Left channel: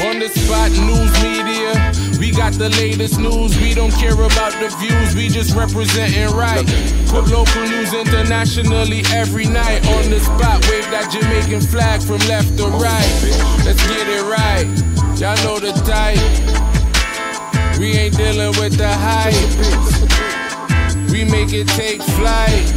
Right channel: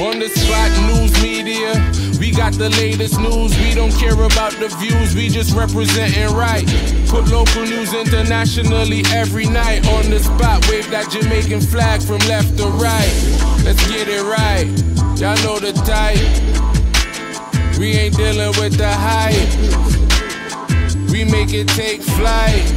On the spot news media, we got the latest news. We don't care about the views, we just representing right. Put local news internationally every night. On the spot, wave that Jamaican flag from left to right. Let's get it right, y'all know the type. We ain't dealing with the hype, we make it take flight.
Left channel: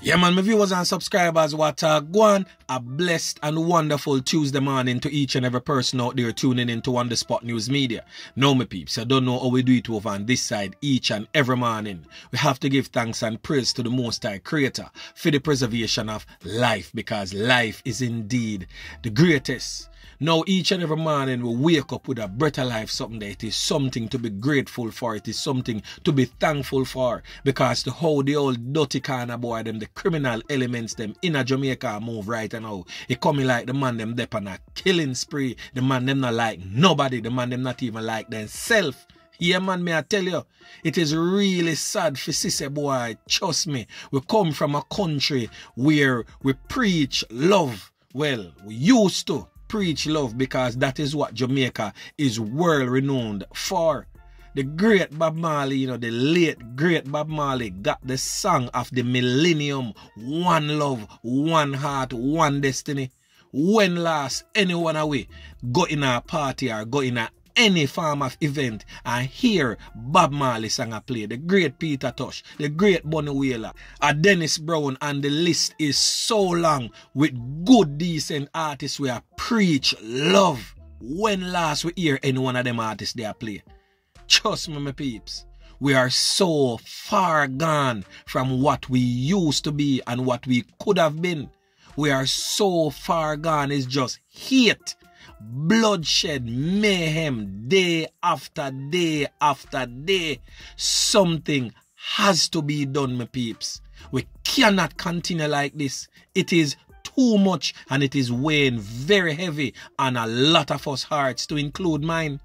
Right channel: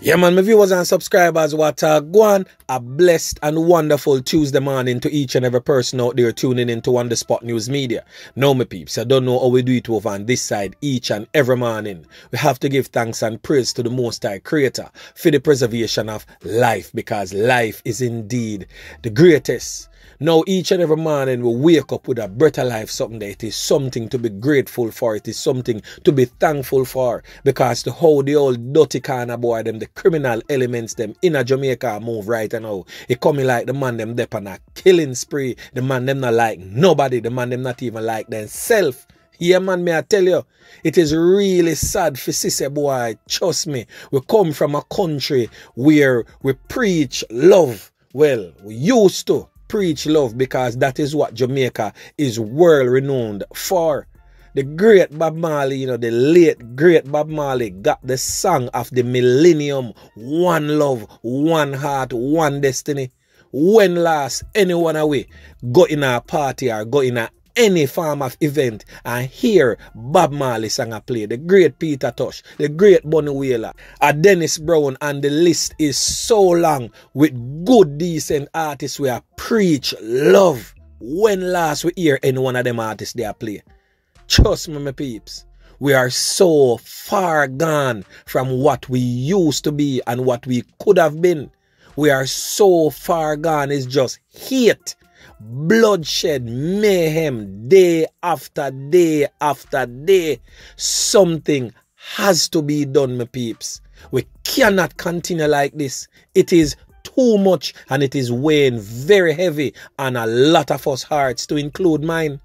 Yeah, man, my viewers and subscribers, what go on. A blessed and wonderful Tuesday morning to each and every person out there tuning into On The Spot News Media. Now, my peeps, I don't know how we do it over on this side each and every morning. We have to give thanks and praise to the Most High Creator for the preservation of life, because life is indeed the greatest. Now, each and every morning we wake up with a breath of life, something that it is something to be grateful for. It is something to be thankful for, because to how the old dirty kind of boy, them, the criminal elements, them in a Jamaica move right now. It coming like the man them dep on a killing spree. The man them not like nobody. The man them not even like themselves. Yeah, man, may I tell you, it is really sad for Sisse boy. Trust me, we come from a country where we preach love. Well, we used to preach love, because that is what Jamaica is world renowned for. The great Bob Marley, you know, the late great Bob Marley got the song of the millennium: one love, one heart, one destiny. When last anyone away go in a party or go in a any form of event and hear Bob Marley song a play, the great Peter Tosh, the great Bunny Wailer, a Dennis Brown, and the list is so long with good decent artists who preach love. When last we hear any one of them artists they play? Trust me, my peeps, we are so far gone from what we used to be and what we could have been. We are so far gone, it's just hate, bloodshed, mayhem, day after day after day. Something has to be done, my peeps. We cannot continue like this. It is too much, and it is weighing very heavy on a lot of us hearts, to include mine.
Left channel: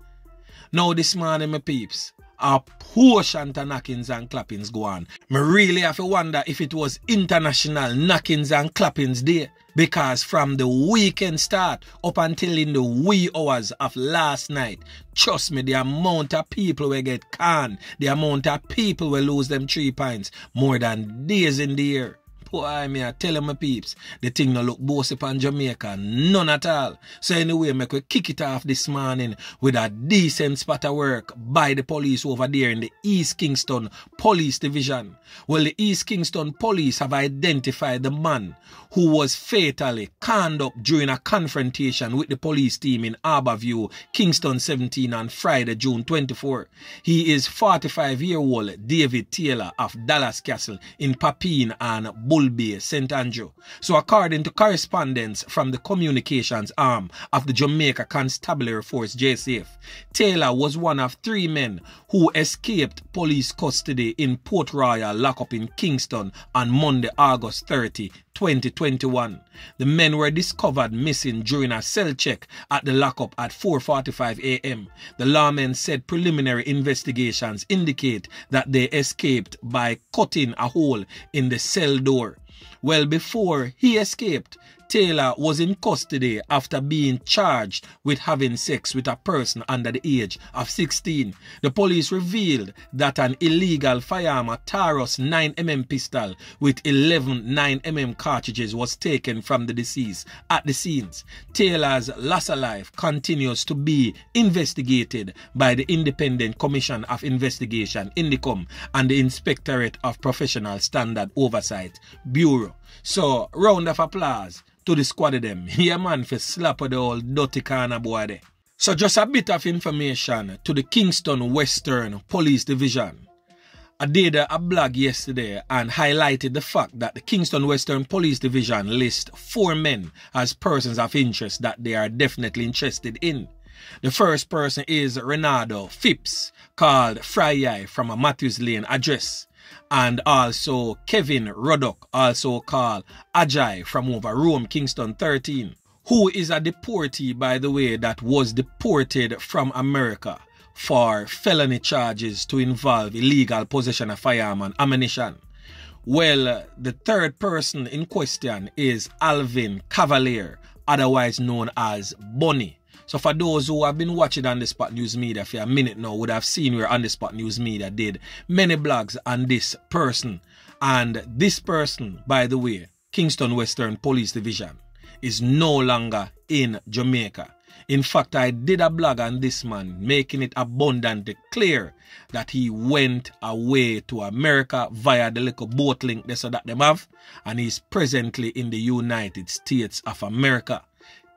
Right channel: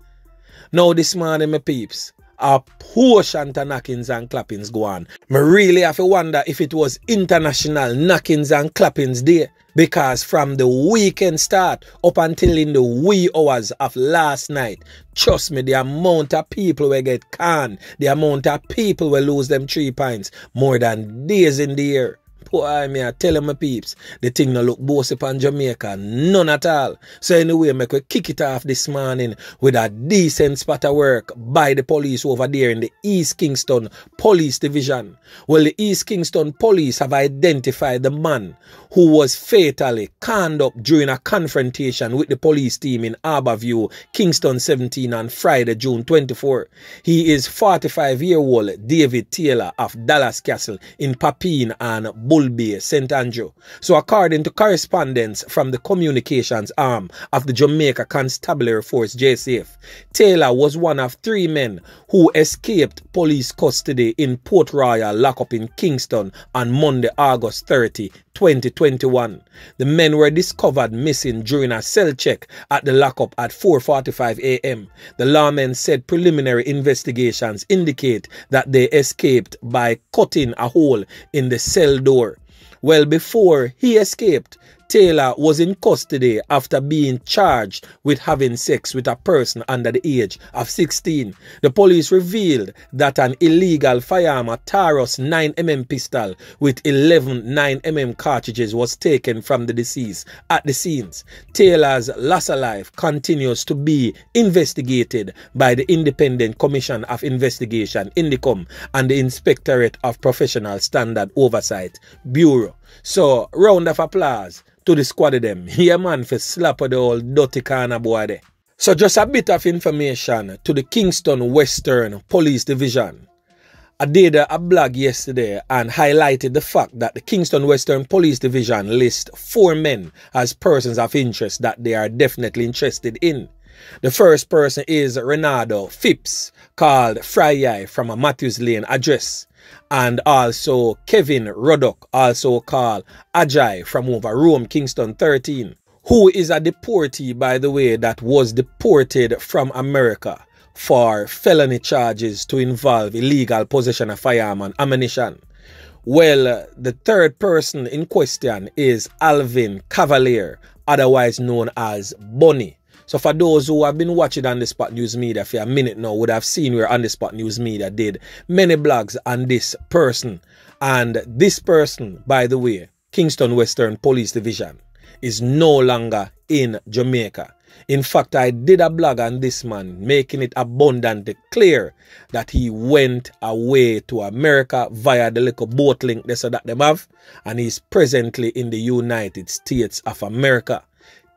Now this morning, my peeps, a portion to knockings and clappings go on. Me really have to wonder if it was International Knockings and Clappings Day, because from the weekend start up until in the wee hours of last night, trust me, the amount of people will get canned, the amount of people will lose them 3 pints, more than days in the year. Boy, me I tell my peeps, the thing no look bossy upon Jamaica, none at all. So anyway, me could kick it off this morning with a decent spot of work by the police over there in the East Kingston Police Division. Well, the East Kingston Police have identified the man who was fatally canned up during a confrontation with the police team in Harborview, Kingston 17 on Friday, June 24. He is 45-year-old David Taylor of Dallas Castle in Papine and Bull Bay, St. Andrew. So according to correspondence from the communications arm of the Jamaica Constabulary Force, JCF, Taylor was one of 3 men who escaped police custody in Port Royal lockup in Kingston on Monday, August 30, 2021. The men were discovered missing during a cell check at the lockup at 4:45 a.m. The lawmen said preliminary investigations indicate that they escaped by cutting a hole in the cell door. Well, before he escaped, Taylor was in custody after being charged with having sex with a person under the age of 16. The police revealed that an illegal firearm, a Taurus 9mm pistol with 11 9mm cartridges, was taken from the deceased at the scenes. Taylor's loss of life continues to be investigated by the Independent Commission of Investigation, INDECOM, and the Inspectorate of Professional Standard Oversight Bureau. So, round of applause to the squad of them. Yeah, man, for slap of the old dirty kind of boy there. So just a bit of information to the Kingston Western Police Division. I did a blog yesterday and highlighted the fact that the Kingston Western Police Division lists 4 men as persons of interest that they are definitely interested in. The first person is Renado Phipps, called Fry from a Matthews Lane address. And also Kevin Ruddock, also called Ajay, from over Rome, Kingston 13, who is a deportee, by the way, that was deported from America for felony charges to involve illegal possession of firearm and ammunition. Well, the third person in question is Alvin Cavalier, otherwise known as Bunny. So for those who have been watching On The Spot News Media for a minute now would have seen where On The Spot News Media did many blogs on this person. And this person, by the way, Kingston Western Police Division, is no longer in Jamaica. In fact, I did a blog on this man, making it abundantly clear that he went away to America via the little boat link they said that them have, and he's presently in the United States of America,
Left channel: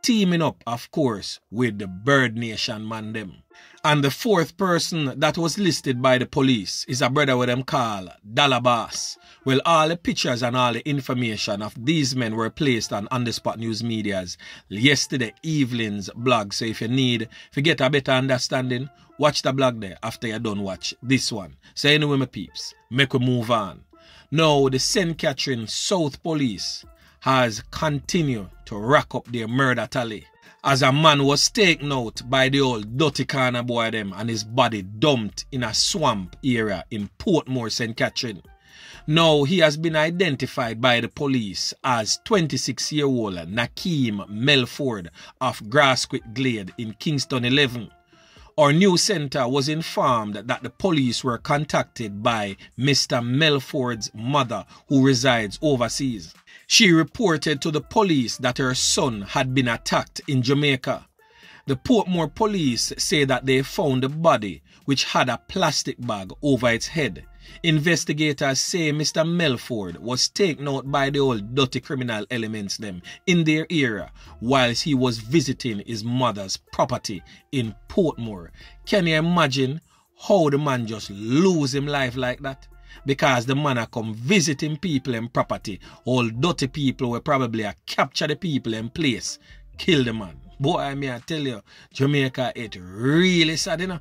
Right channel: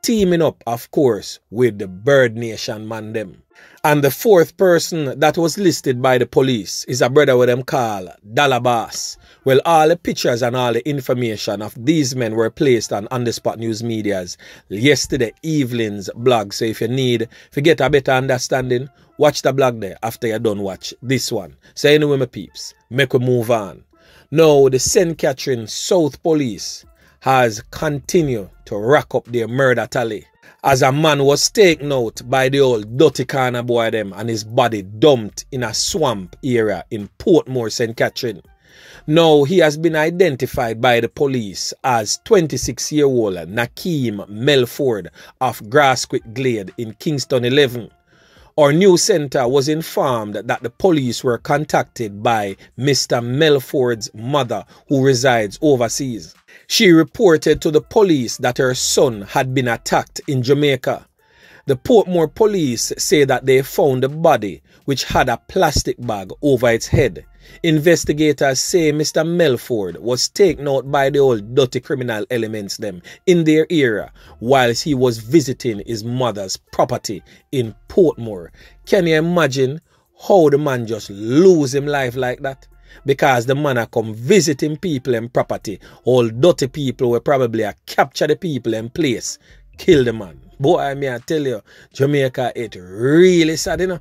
teaming up, of course, with the Bird Nation man them. And the fourth person that was listed by the police is a brother with them called Dalabas. Well, all the pictures and all the information of these men were placed on The Spot News Media's yesterday evening's blog. So if you get a better understanding, watch the blog there after you're done watch this one. So anyway, my peeps, make we move on. Now, the St. Catherine South Police has continued to rack up their murder tally, as a man was taken out by the old dirty corner boy them and his body dumped in a swamp area in Portmore, St. Catherine. Now, he has been identified by the police as 26-year-old Nakeem Melford of Grassquit Glade in Kingston 11. Our news center was informed that the police were contacted by Mr. Melford's mother, who resides overseas. She reported to the police that her son had been attacked in Jamaica. The Portmore police say that they found the body, which had a plastic bag over its head. Investigators say Mr. Melford was taken out by the old dirty criminal elements them in their area whilst he was visiting his mother's property in Portmore. Can you imagine how the man just lose him life like that? Because the man a come visiting people and property, all dirty people will probably capture the people in place, kill the man. Boy, I mean, I tell you, Jamaica, it really sad, you know.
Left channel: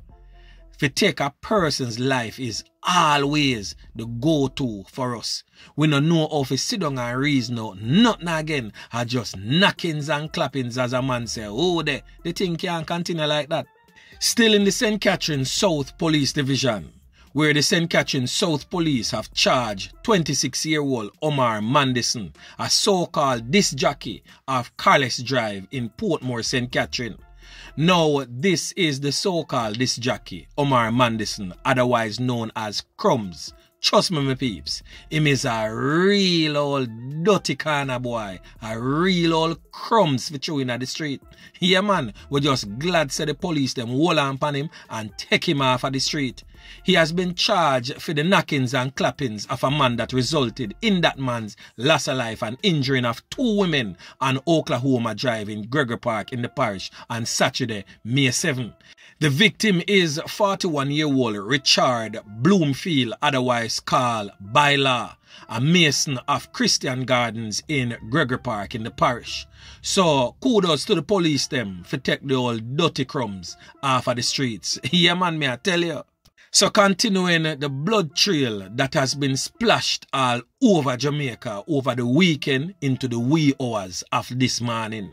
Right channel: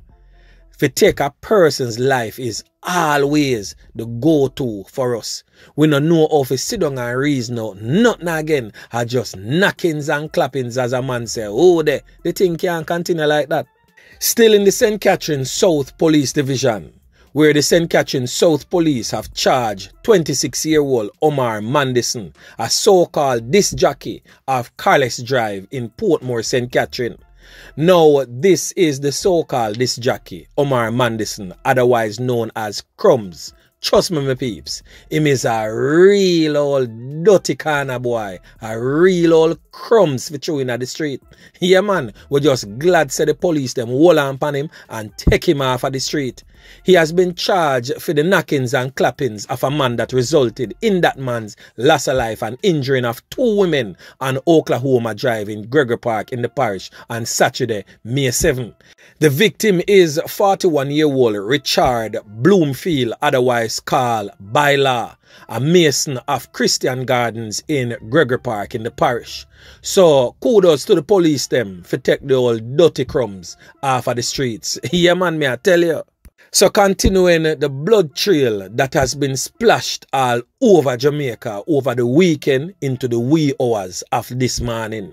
To take a person's life is always the go-to for us. We don't know how to sit down and reason out. Nothing again are just knockings and clappings, as a man say. Oh, the thing can't continue like that. Still in the St. Catherine South Police Division, where the St. Catherine South Police have charged 26-year-old Omar Mandison, a so-called disc jockey of Carless Drive in Portmore, St. Catherine. Now, this is the so-called disc jockey, Omar Mandison, otherwise known as Crumbs. Trust me, my peeps, him is a real old dirty corner boy, a real old crumbs for throwing at the street. Yeah, man, we're just glad say the police them hold on upon him and take him off of the street. He has been charged for the knockings and clappings of a man that resulted in that man's loss of life and injuring of 2 women on Oklahoma Drive in Gregory Park in the parish on Saturday, May 7. The victim is 41-year-old Richard Bloomfield, otherwise called Baila, a mason of Christian Gardens in Gregory Park in the parish. So kudos to the police them for take the old dirty crumbs off of the streets. Yeah, man, me I tell you. So continuing the blood trail that has been splashed all over Jamaica over the weekend into the wee hours of this morning.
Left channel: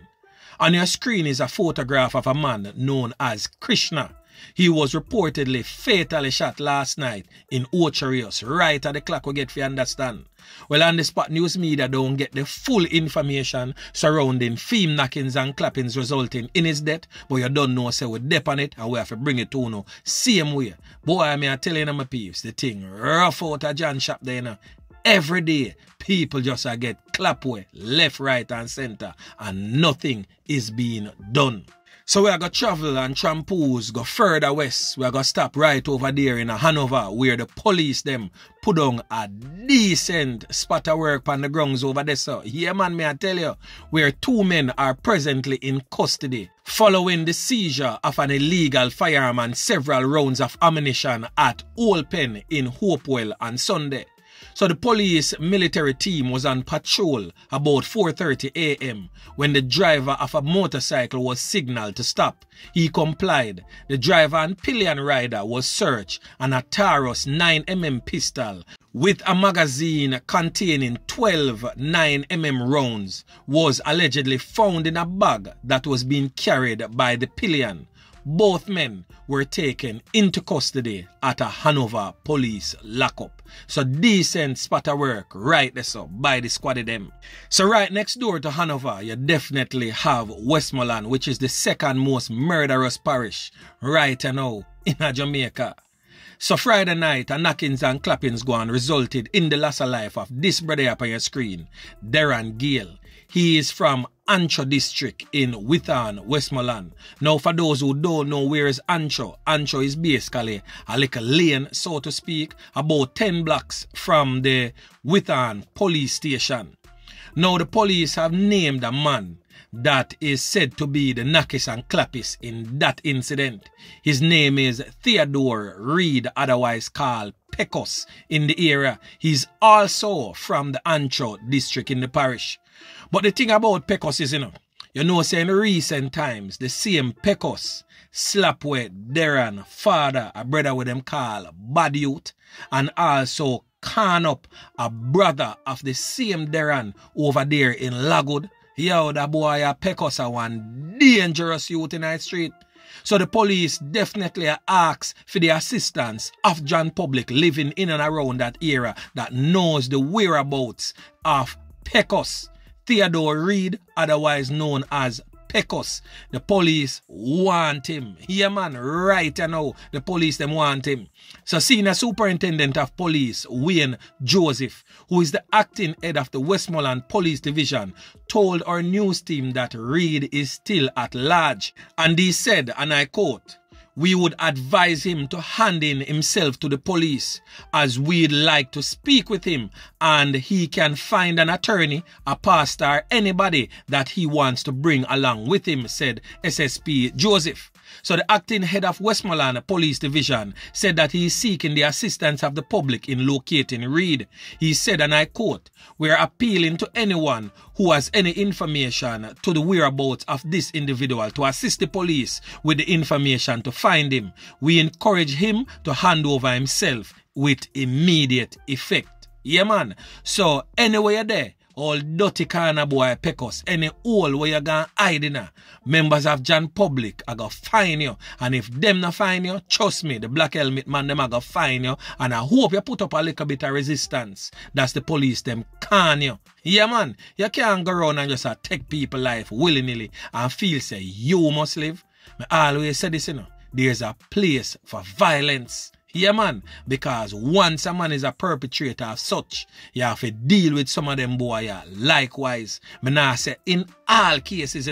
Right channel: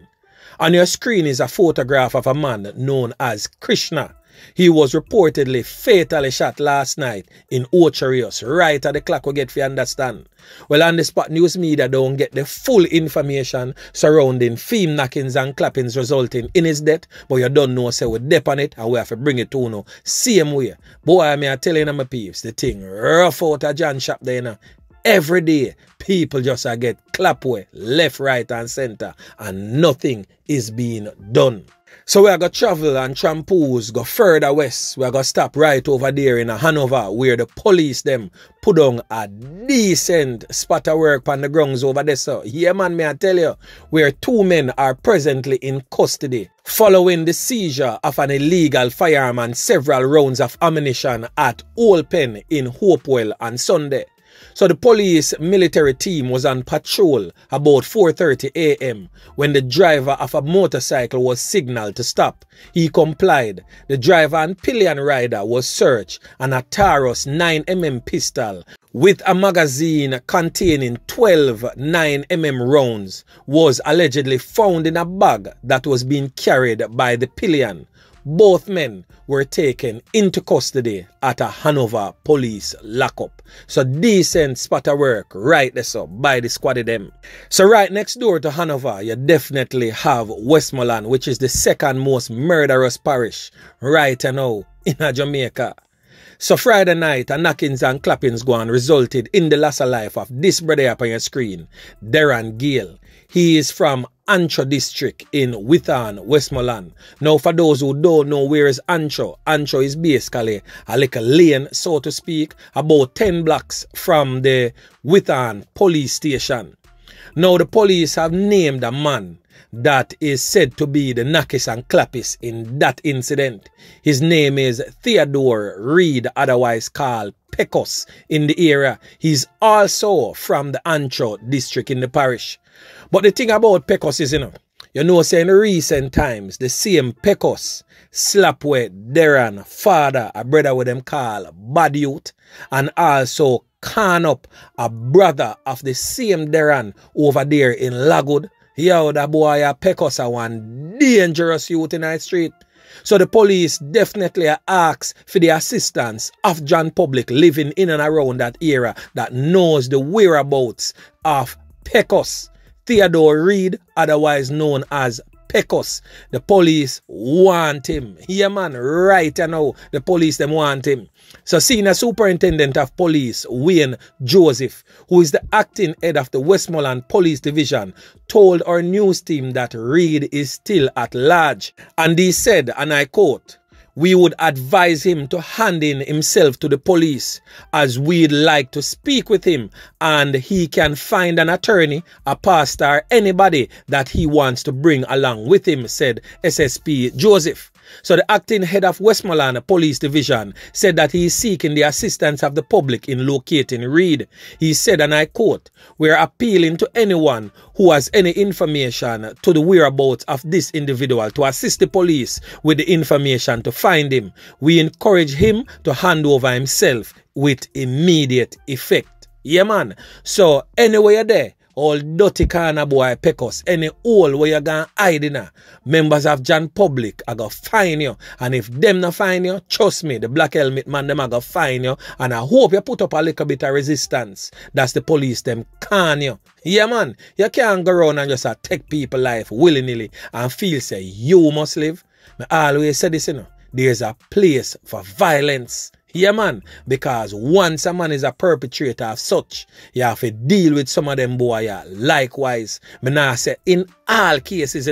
On your screen is a photograph of a man known as Krishna. He was reportedly fatally shot last night in Ochi, right at the clock we get for you understand. Well, On The Spot News Media don't get the full information surrounding film knockings and clappings resulting in his death, but you don't know, so we dep on it and we have to bring it to you same way. Boy, I mean, I tell you my peeps, the thing rough out of John shop there, you know. Every day, people just get ClapWeh left, right and center and nothing is being done. So we are going to travel and trampose, go further west. We are going to stop right over there in Hanover where the police them put on a decent spot of work on the grounds over there. So, yeah man, may I tell you, where 2 men are presently in custody following the seizure of an illegal firearm and several rounds of ammunition at Old Pen in Hopewell on Sunday. So the police military team was on patrol about 4:30 a.m. when the driver of a motorcycle was signaled to stop. He complied. The driver and pillion rider was searched and a Taurus 9mm pistol with a magazine containing 12 9mm rounds was allegedly found in a bag that was being carried by the pillion. Both men were taken into custody at a Hanover police lockup. So decent spot of work right there so by the squad of them. So right next door to Hanover, you definitely have Westmoreland, which is the second most murderous parish right now in Jamaica. So Friday night, a knockings and clappings go on resulted in the loss of life of this brother up on your screen, Derron Gale. He is from Ancho district in Witham, Westmoreland. Now for those who don't know where is Ancho, Ancho is basically a little lane, so to speak, about 10 blocks from the Witham police station. Now the police have named a man that is said to be the knockers and clappers in that incident. His name is Theodore Reed, otherwise called Peckus in the area. He's also from the Ancho district in the parish. But the thing about Peckus is, you know, say in recent times, the same Peckus, ClapWeh, Derron, father, a brother with them call Bad Youth, and also can up a brother of the same Derron over there in Lagwood. Yo, that boy a Peckus a one dangerous youth in the street. So the police definitely ask for the assistance of John public living in and around that area that knows the whereabouts of Peckus. Theodore Reed, otherwise known as Peckus. The police want him. Yeah, man, right now, the police them want him. So Senior Superintendent of Police, Wayne Joseph, who is the acting head of the Westmoreland Police Division, told our news team that Reed is still at large. And he said, and I quote, "We would advise him to hand in himself to the police as we'd like to speak with him and he can find an attorney, a pastor, anybody that he wants to bring along with him," said SSP Joseph. So the acting head of Westmoreland Police Division said that he is seeking the assistance of the public in locating Reed. He said, and I quote, "We're appealing to anyone who has any information to the whereabouts of this individual to assist the police with the information to find him. We encourage him to hand over himself with immediate effect." Yeah, man. So anyway you're there, all dirty corner boy Peckus, any hole where you're gonna hide in, members of John public are gonna find you. And if them not find you, trust me, the black helmet man them are gonna find you. And I hope you put up a little bit of resistance. That's the police them can you. Yeah, man. You can't go around and just take people life willy-nilly and feel say you must live. I always say this, there's a place for violence. Yeah, man, because once a man is a perpetrator of such, you have to deal with some of them boy. Yeah. Likewise, me nah say in all cases,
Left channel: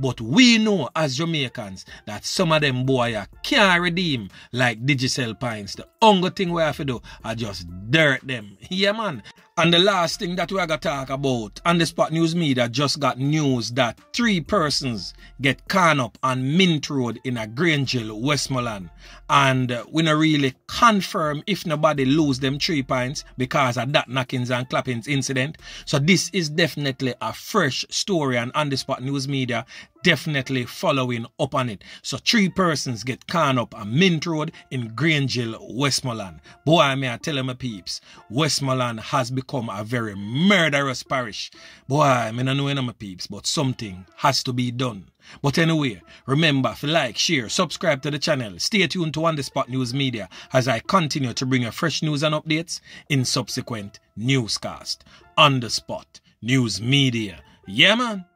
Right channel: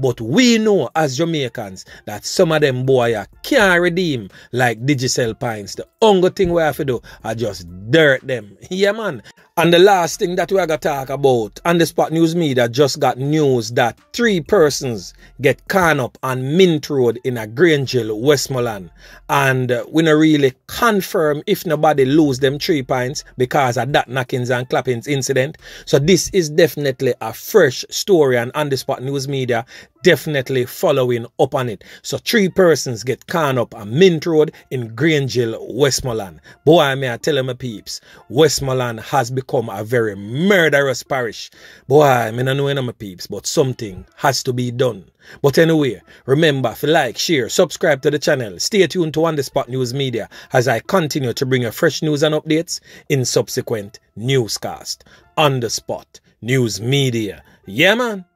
but we know as Jamaicans that some of them boy can't redeem like Digicel Pines. The only thing we have to do is just dirt them. Yeah, man. And the last thing that we're going to talk about, On The Spot News Media just got news that 3 persons get caught up on Mint Road in a Grangeville, Westmoreland. And we don't really confirm if nobody lose them 3 points because of that knockings and clappings incident. So this is definitely a fresh story, and On The Spot News Media definitely following up on it. So 3 persons get caught up on Mint Road in Grangeville, Westmoreland. Boy, may I tell you my peeps, Westmoreland has become a very murderous parish. Boy, I don't know my peeps, but something has to be done. But anyway, remember to like, share, subscribe to the channel. Stay tuned to On The Spot News Media as I continue to bring you fresh news and updates in subsequent newscast. On The Spot News Media. Yeah, man.